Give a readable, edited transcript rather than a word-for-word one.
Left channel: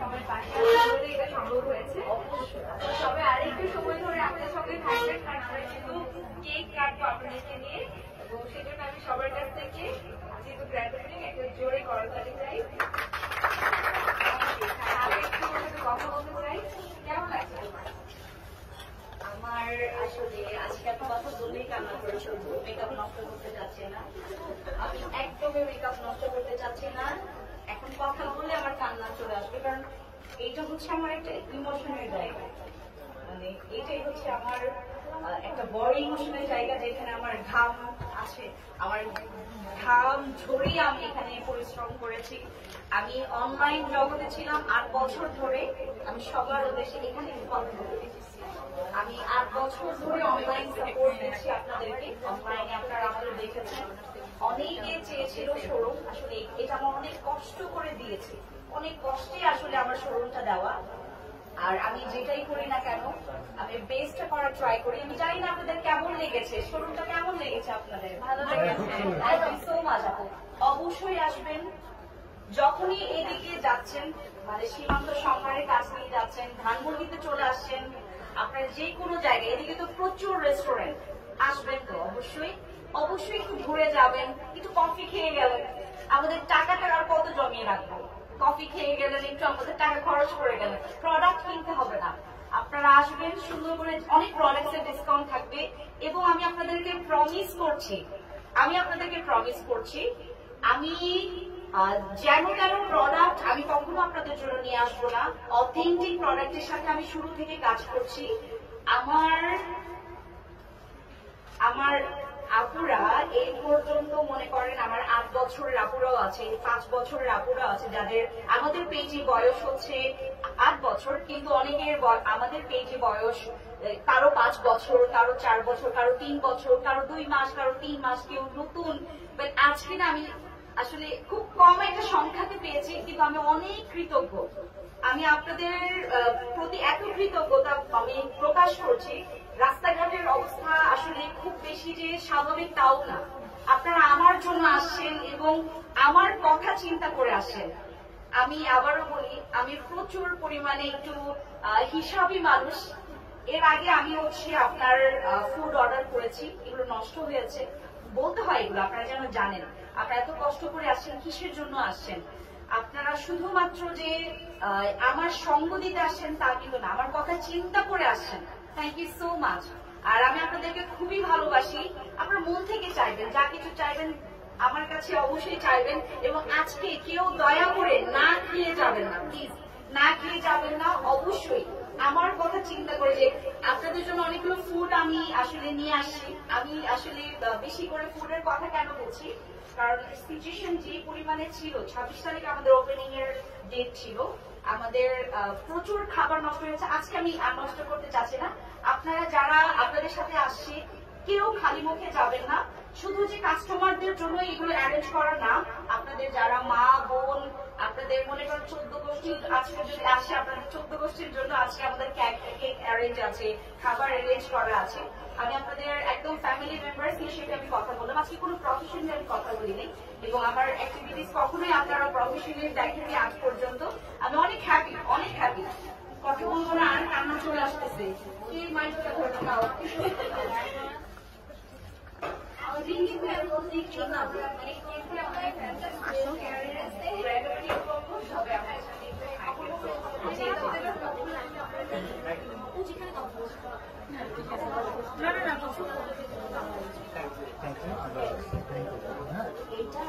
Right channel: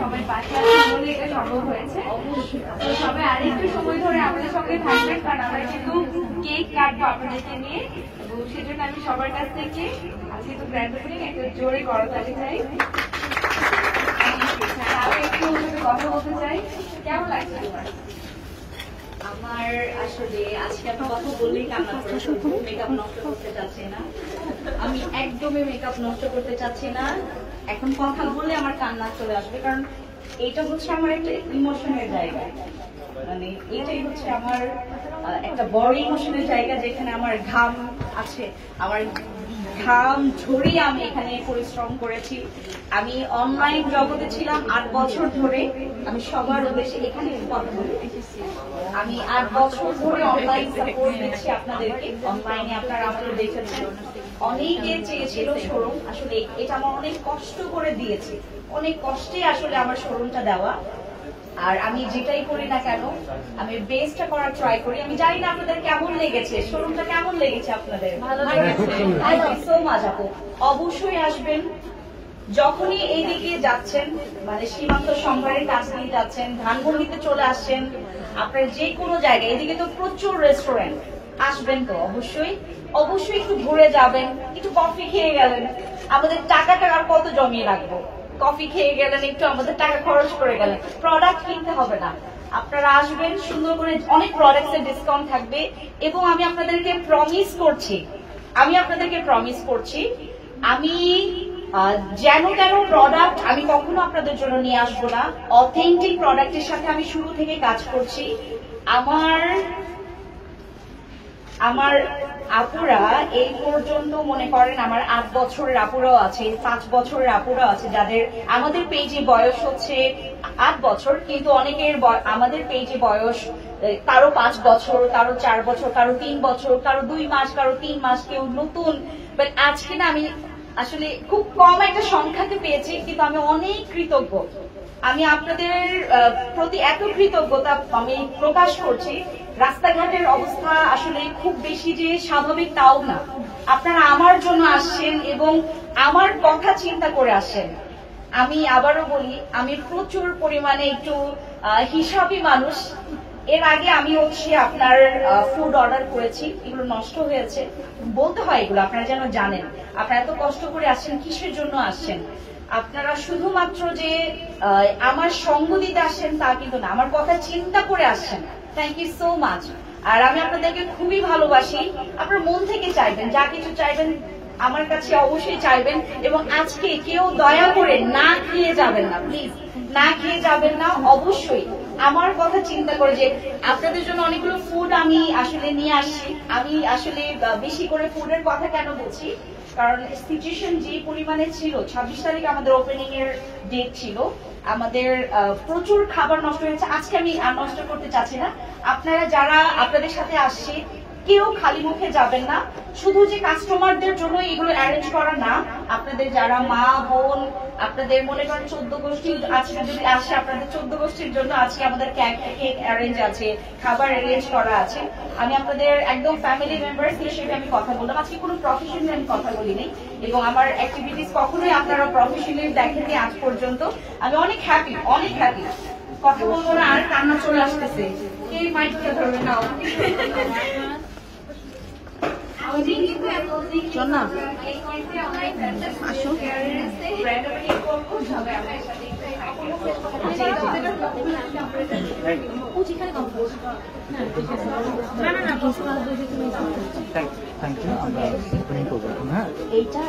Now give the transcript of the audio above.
সবাই পাশে আছে বলে এটা সম্ভব হয়েছে। তো সবাই আরেকটু সময় ধরে আমাদের সঙ্গে থাকবেন, কারণ আমরা কিন্তু কেক কাটবো আপনাদেরকে নিয়ে, এবং সেজন্য আমি সবার কাছ থেকে আজকে তো গ্র্যান্ড ওপেনিং একটা জোরে করতালি চাই। আরো একটু ওনাদের কথা বলতে চাই, কেমন লাগছে? আমার আসলে আজকে আমি কথা বললেই কান্না করে মেকআপ নষ্ট করতে চাচ্ছি না, আমি একদমই মেকআপ নষ্ট করতে চাচ্ছি না। এখন কথা বললে আমার কান্না চলে আসবে, কারণ এটা হচ্ছে আমার একটা ইমোশনের জায়গা, মানে এটাই হচ্ছে আমার একটা বড় ইমোশনের জায়গা, যেখানে আমার ঘাম আছে, আমার ঘাম ঝরিয়ে আমি এখানে পরিশ্রম করেছি। আমি অনলাইন জগতে ছিলাম 8 বছর ধরে, আমি সবার উদ্দেশ্যে এখানে কথা বলি। আমি 8 বছর ধরে অনলাইন সাপোর্ট দিচ্ছি আপনাদেরকে, অনলাইনে আপনারা আমাকে দেখেছেন। অনেকে চেয়েছিল শোরুম, আসলে এটা আমার অনেক কষ্ট করে দিয়েছি, অনেক কষ্টে আসলে আমার শোরুমটা দেওয়া। আর আমি যেটাই করি না কেন আমি বেস্টটা করার ট্রাই করি। আমি জানি না আপনাদের কেমন লেগেছে, শোরুমটা কেমন লেগেছে আপনাদের? সো মাচ আপু, অবশ্যই আসবেন। যখনই এইদিকে যাচ্ছেন, মানে সীমান্ত সংবারের কাছ দিয়ে যাচ্ছেন, ধানমন্ডিতে চলে আসছেন, আপনার যে কোনো জায়গায়, এদিকে তো প্রচুর রেস্টুরেন্ট, আসবেন তো অবশ্যই। অবশ্যই একটু ঘুরে যাবেন, একটু কফি খেয়ে গেলেন, আমাদের টাকাটা আর কত জমিয়ে রাখবো? কফি খেয়ে গেলেন, একটু আমাদের টাকা খরচ করে গেলেন, প্রোডাক্ট কিনতে হবে না। আপনারা আসবেন, সুন্দর করে অনেক প্রোডাক্টসের ডিসকাউন্ট থাকবে। এবং আমি আপনাদেরকে প্রমিস করছি আমি যেন তেন প্রোডাক্ট আমি কখনো আপনাদের জন্য নিয়ে আসবো না। অথেন্টিক প্রোডাক্টের সাথে আমি শুরু থেকে কাজ করছি। আমার আপুরা এই পর্যন্ত মনে করেন আমার 8 বছরের আপুরাও আছে, 5 বছরের আপুরাও আছে, যাদের আমাদের পেজে বয়স হচ্ছে 8 বছর, কিন্তু অনেকের আমাদের পেজে বয়স কারো 5 বছর, কারো 4 বছর, কারো 3 বছর, কারো 2 মাস, কারো 3 মাস, কেউ নতুন। বাট আজকে না আমি আসলে খুব কম একটা সংখ্যাকে পেয়েছি, কিন্তু আমি অনেক কৃতজ্ঞ। আমি আপনাদের প্রতি এত কৃতজ্ঞতা আমি প্রকাশ করছি। রাস্তাঘাটের অবস্থা আসলে খুব বেশি যে স্বাভাবিক তাও না, আপনারা আমার জন্য আসছেন এবং আমার কথা চিন্তা করে আসছেন। আমি আবারও বলি, আমি প্রচুর পরিমাণে একটু হিসাবী মানুষ। এর আগে আমি হচ্ছে আপনার ফুড অর্ডার করেছি, এগুলো নষ্ট হয়েছে, বলতে হয় এগুলো, আপনারা যেন জানেন। আপনারা এত কষ্ট করে আসছেন, কিসের জন্য আসছেন? আপনারা শুধুমাত্র যে আমার সঙ্গ দিতে আসছেন তা কিন্তু না, আমার কথা চিন্তা করে আসছেন। Thank you so much. আর আমি আপনাদেরকে খুবই ভালোবাসি। আপনার মন থেকে চাইবেন, যা কিছু চাইবেন আমার কাছে অবশ্যই চাইবেন। এবং আজকে কেউ দয়া করে না খেয়ে যাবেন না, প্লিজ না খেয়ে যাবেন না। অবশ্যই আমার কথা চিন্তা করে, যে আপনাদের জন্য অনেকগুলো ফুড আমি আসলে নিয়ে আসছি। আমি আসলে বেশি করে ফুডের কথা কেন বলছি, কারণ সিচুয়েশন যে পরিমাণে ছিল, 26 তারিখ আমাদের ওপেনিং এর ডেট ছিল, আমাদের প্রচুর খাবার নষ্ট হয়েছে। আজকে আমি আর নষ্ট করতে চাচ্ছি না। আপনারা যারা আপনাদের সাথে আসছে, কেউ খালি মুখে যাবেন না। শুধু যে কাস্টমারদের জন্য এগুলো অ্যারেঞ্জ করা না, আপনাদের যারা মা বোন, আপনাদের মনে করেন 14 গোষ্ঠী আছে, যদি আসে আপনাদের 14 গোষ্ঠীর জন্য আজকে আমাদের কেক অ্যারেঞ্জ আছে, খাবার অ্যারেঞ্জ করা আছে। আমি আপনাদের একদম ফ্যামিলি মেম্বার্স হিসেবে আমি কথা বললাম, আজকে কোনো প্রফেশনাল আমি কথা বলিনি। এবং আমার অ্যাক্টিভিটিস কখনোই আপনারা প্রফেশনালি দেখেননি আজ পর্যন্ত। আমি অনেক হ্যাপি, অনেক হ্যাপি। কথা বলবো না, আর কান্না চলে আসতেছে। কে মাইকটা ধরবে না? থ্যাংক ইউ, আমরা ওপেনিং করবো। হ্যাঁ, এইটা